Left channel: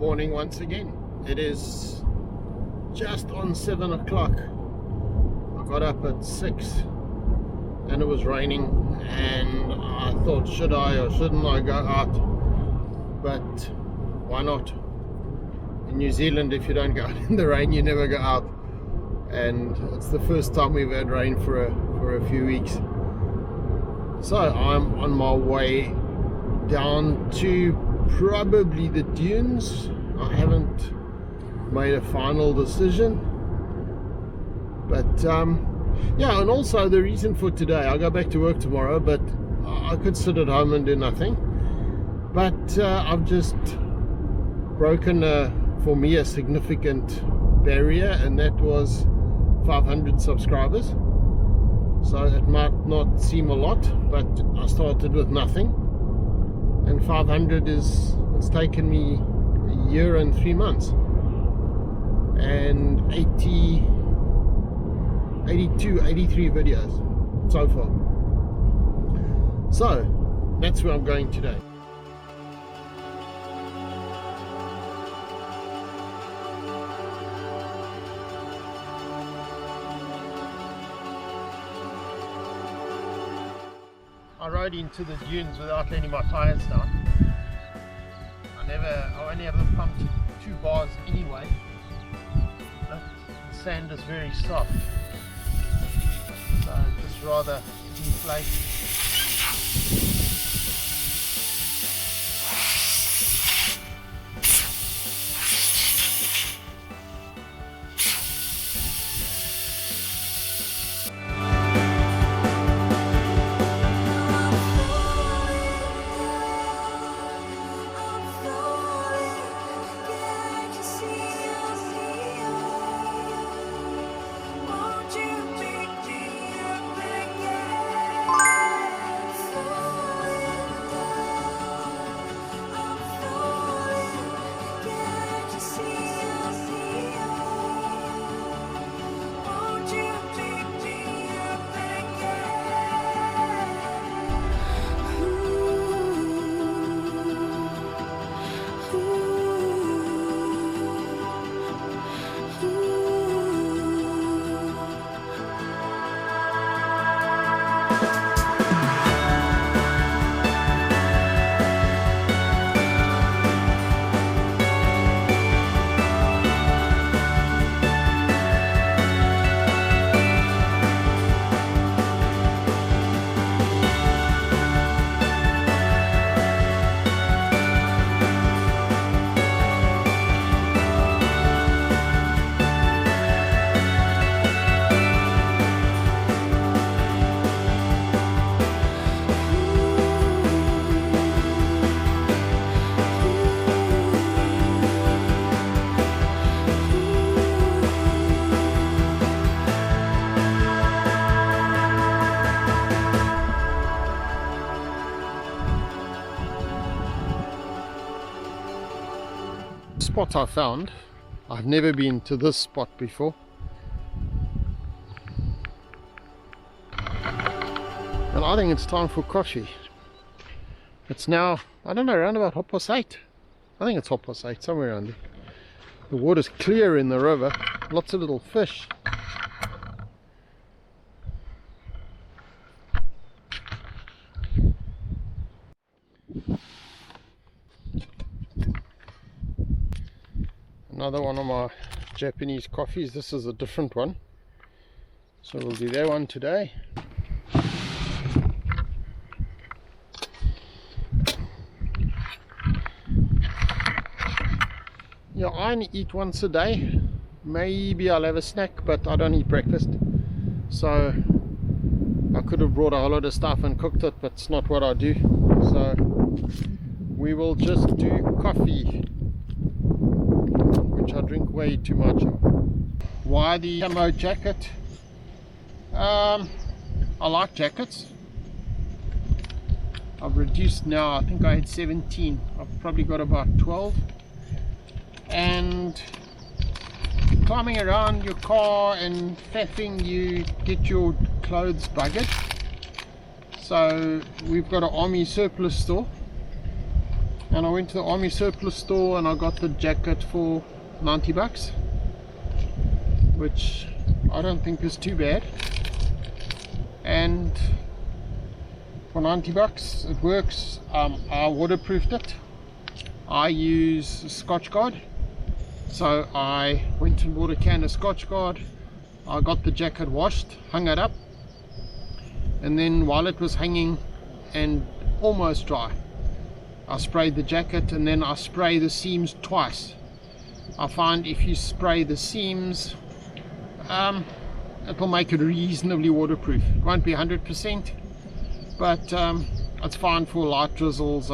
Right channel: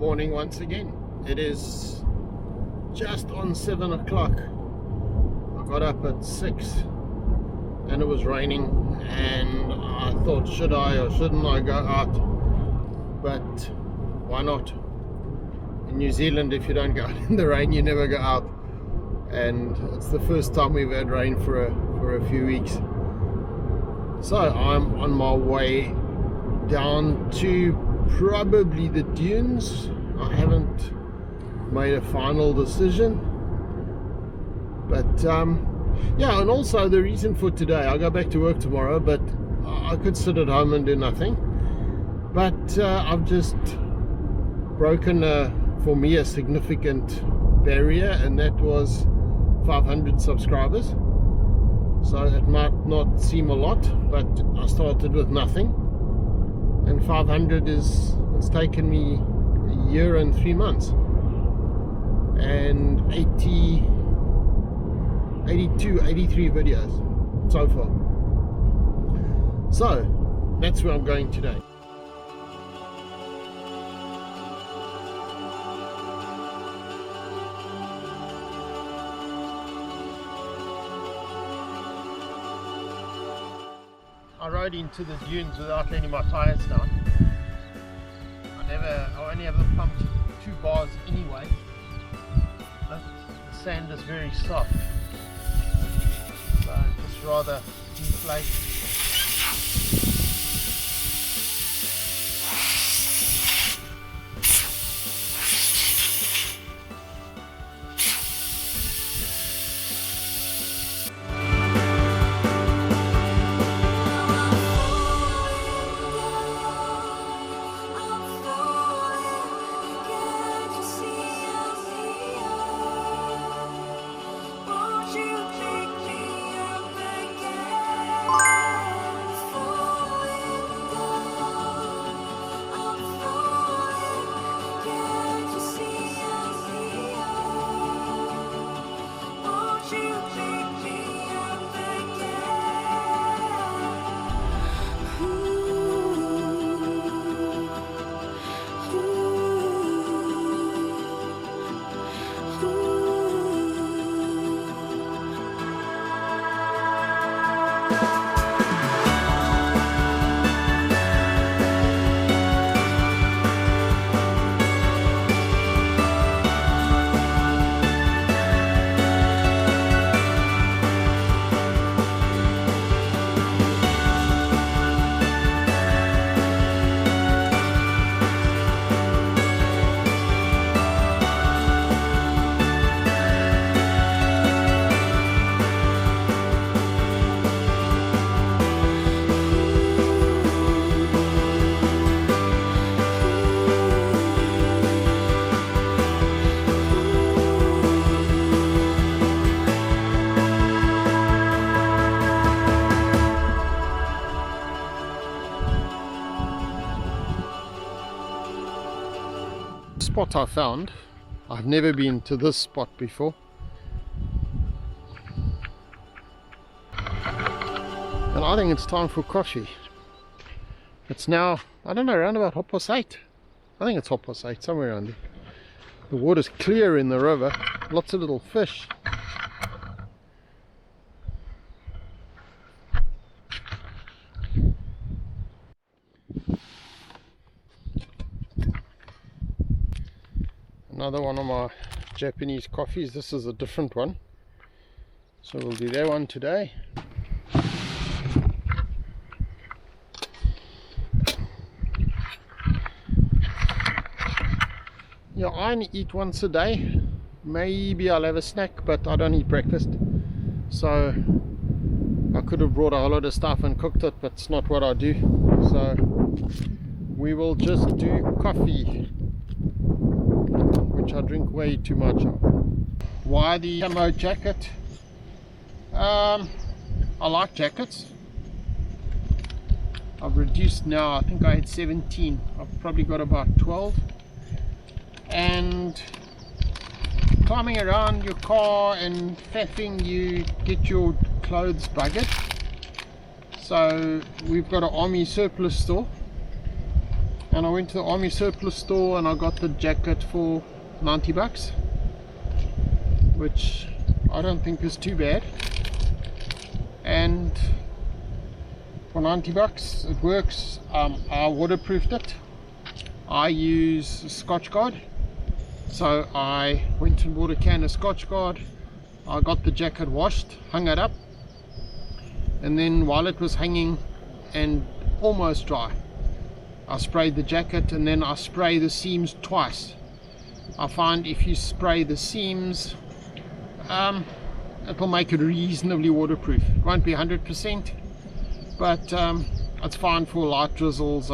morning once again. It is just on 7 o'clock. I got up at 6 and it was raining, and I thought, should I or shouldn't I go out? But why not? In New Zealand, if you don't go out in the rain, you never go out, and it's the first time we've had rain for a few weeks. So I'm on my way down to probably the dunes. I haven't made a final decision, but yeah. And also the reason for today, I go back to work tomorrow, but I could sit at home and do nothing, but I've just broken for me a significant barrier, and that was 500 subscribers. So it might not seem a lot, but I started with nothing, and 500 it's taken me a year and 3 months, and 83 videos so far. So that's where I'm going today. I rode into the dunes without letting my tires down. I only have them pumped to 2 bars anyway, but the sand is very soft, so just rather deflate. Spot I found. I've never been to this spot before, and I think it's time for Kochi. It's now, I don't know, around about 8:30. I think it's 8:30, somewhere around there. The water's clear in the river, lots of little fish. Another one of my Japanese coffees. This is a different one, so we'll do that one today. Yeah, I only eat once a day. Maybe I'll have a snack, but I don't eat breakfast, so I could have brought a whole lot of stuff and cooked it, but it's not what I do. So we will just do coffee, which I drink way too much of. Why the camo jacket? I like jackets. I've reduced now. I think I had 17. I've probably got about 12. And climbing around your car and faffing, you get your clothes buggered. So we've got an army surplus store, and I went to the army surplus store and I got the jacket for 90 bucks, which I don't think is too bad. And for 90 bucks it works. I waterproofed it. I use Scotch Guard, so I went and bought a can of Scotch Guard. I got the jacket washed, hung it up, and then while it was hanging and almost dry, I sprayed the jacket, and then I spray the seams twice. I find if you spray the seams, it will make it reasonably waterproof. It won't be 100%, but it's fine for light drizzles,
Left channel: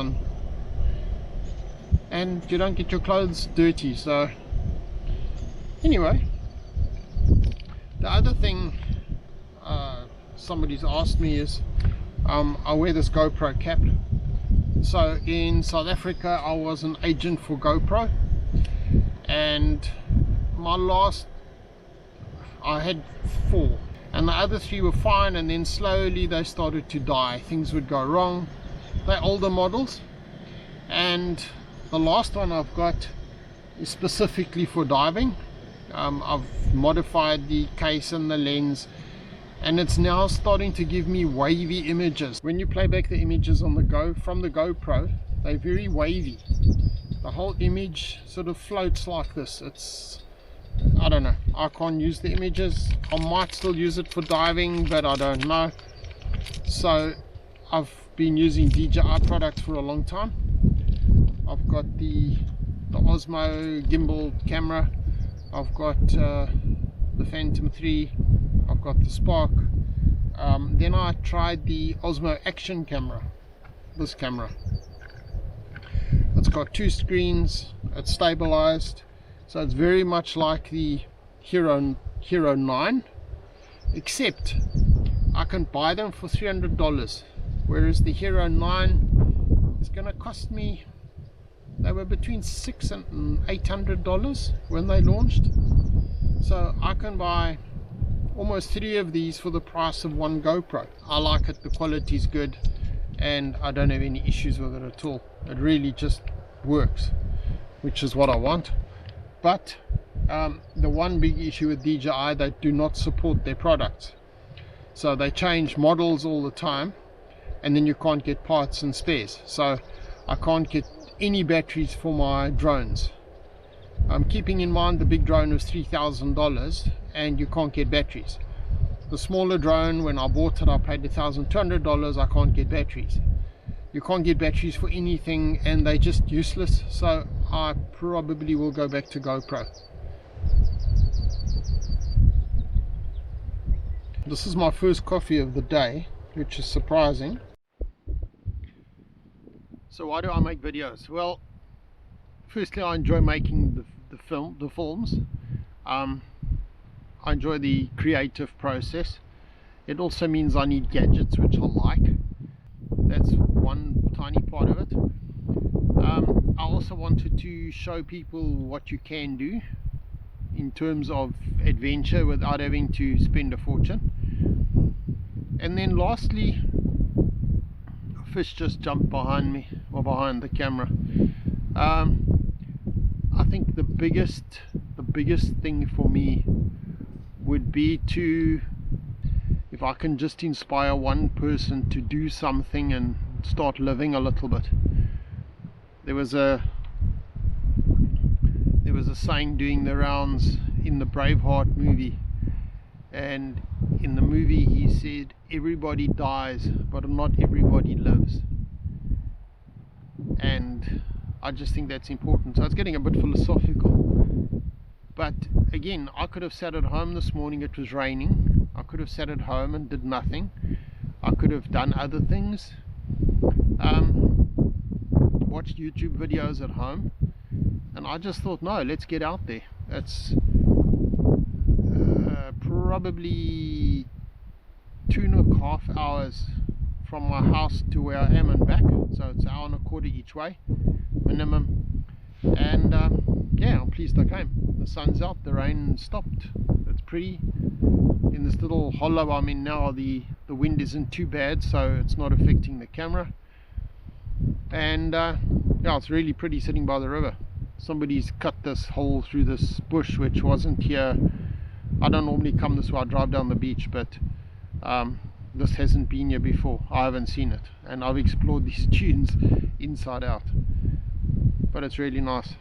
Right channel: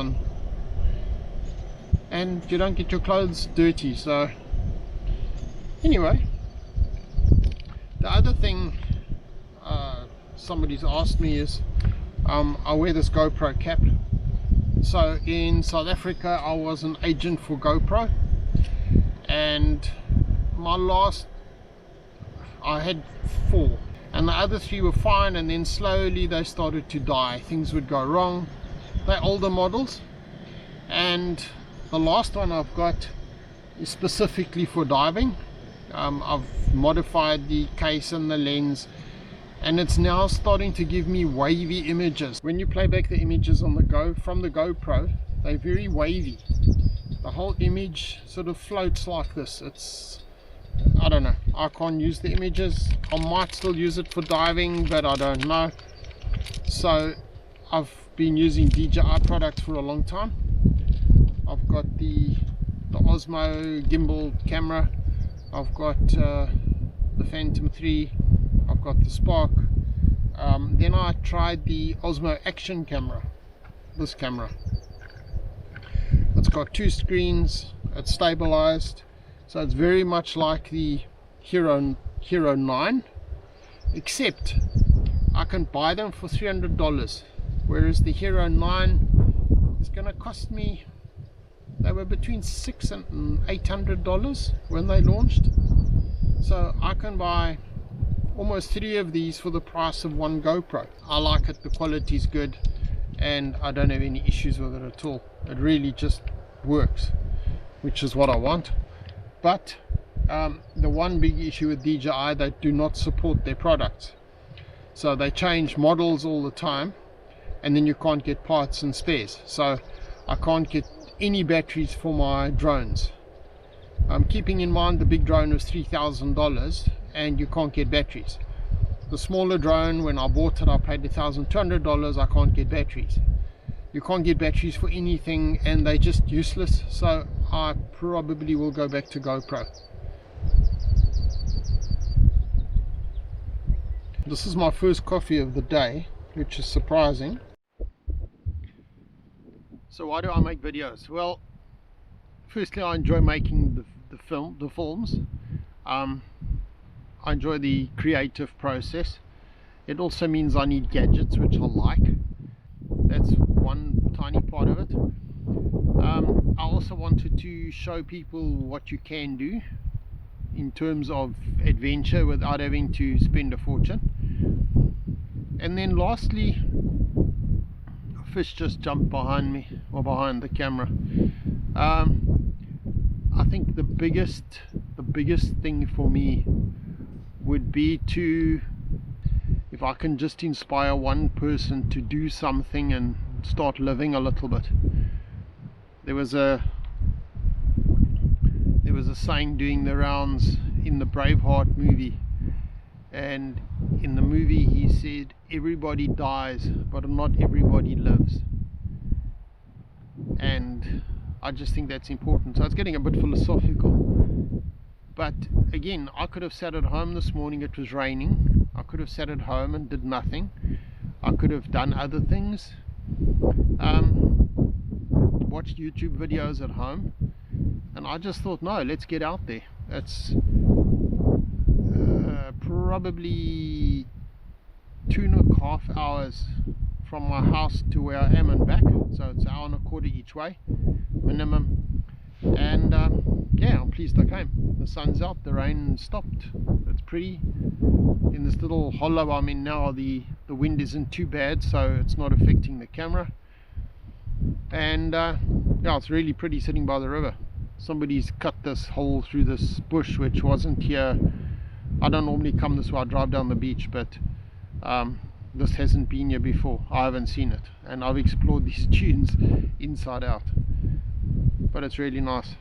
and you don't get your clothes dirty. So anyway, the other thing somebody's asked me is I wear this GoPro cap. So in South Africa I was an agent for GoPro, and I had 4, and the other 3 were fine, and then slowly they started to die. Things would go wrong. They're older models, and the last one I've got is specifically for diving. I've modified the case and the lens, and it's now starting to give me wavy images. When you play back the images on from the GoPro, they're very wavy. The whole image sort of floats like this. I don't know, I can't use the images. I might still use it for diving, but I don't know. So I've been using DJI products for a long time. I've got the Osmo gimbal camera, I've got the Phantom 3, I've got the Spark. Then I tried the Osmo Action camera, this camera. It's got 2 screens, it's stabilized, so it's very much like the Hero 9, except I can buy them for $300, whereas the Hero 9 is going to cost me, they were between $600 and $800 when they launched. So I can buy almost 3 of these for the price of 1 GoPro. I like it, the quality is good, and I don't have any issues with it at all. It really just works, which is what I want. But the one big issue with DJI, they do not support their products. So they change models all the time, and then you can't get parts and spares. So I can't get any batteries for my drones. Keeping in mind the big drone was $3,000 and you can't get batteries. The smaller drone, when I bought it, I paid $1,200. I can't get batteries. You can't get batteries for anything, and they're just useless. So I probably will go back to GoPro. This is my first coffee of the day, which is surprising. So why do I make videos? Well, firstly, I enjoy making the films. I enjoy the creative process. It also means I need gadgets, which I like. That's one tiny part of it. I also wanted to show people what you can do in terms of adventure without having to spend a fortune. And then lastly, a fish just jumped behind me, or behind the camera. I think the biggest thing for me would be to, if I can just inspire one person to do something and start living a little bit. There was a saying doing the rounds in the Braveheart movie, and in the movie he said everybody dies but not everybody lives, and I just think that's important. So it's getting a bit philosophical, but again, I could have sat at home this morning, it was raining, I could have sat at home and did nothing. I could have done other things, watched YouTube videos at home, and I just thought, no, let's get out there. It's probably 2.5 hours from my house to where I am and back, so it's an hour and a quarter each way minimum. And yeah, I'm pleased I came. The sun's out, the rain stopped, it's pretty. In this little hollow I'm in now, the wind isn't too bad, so it's not affecting the camera. And yeah, it's really pretty sitting by the river. Somebody's cut this hole through this bush which wasn't here. I don't normally come this way, I drive down the beach, but this hasn't been here before. I haven't seen it, and I've explored these dunes inside out, but it's really nice.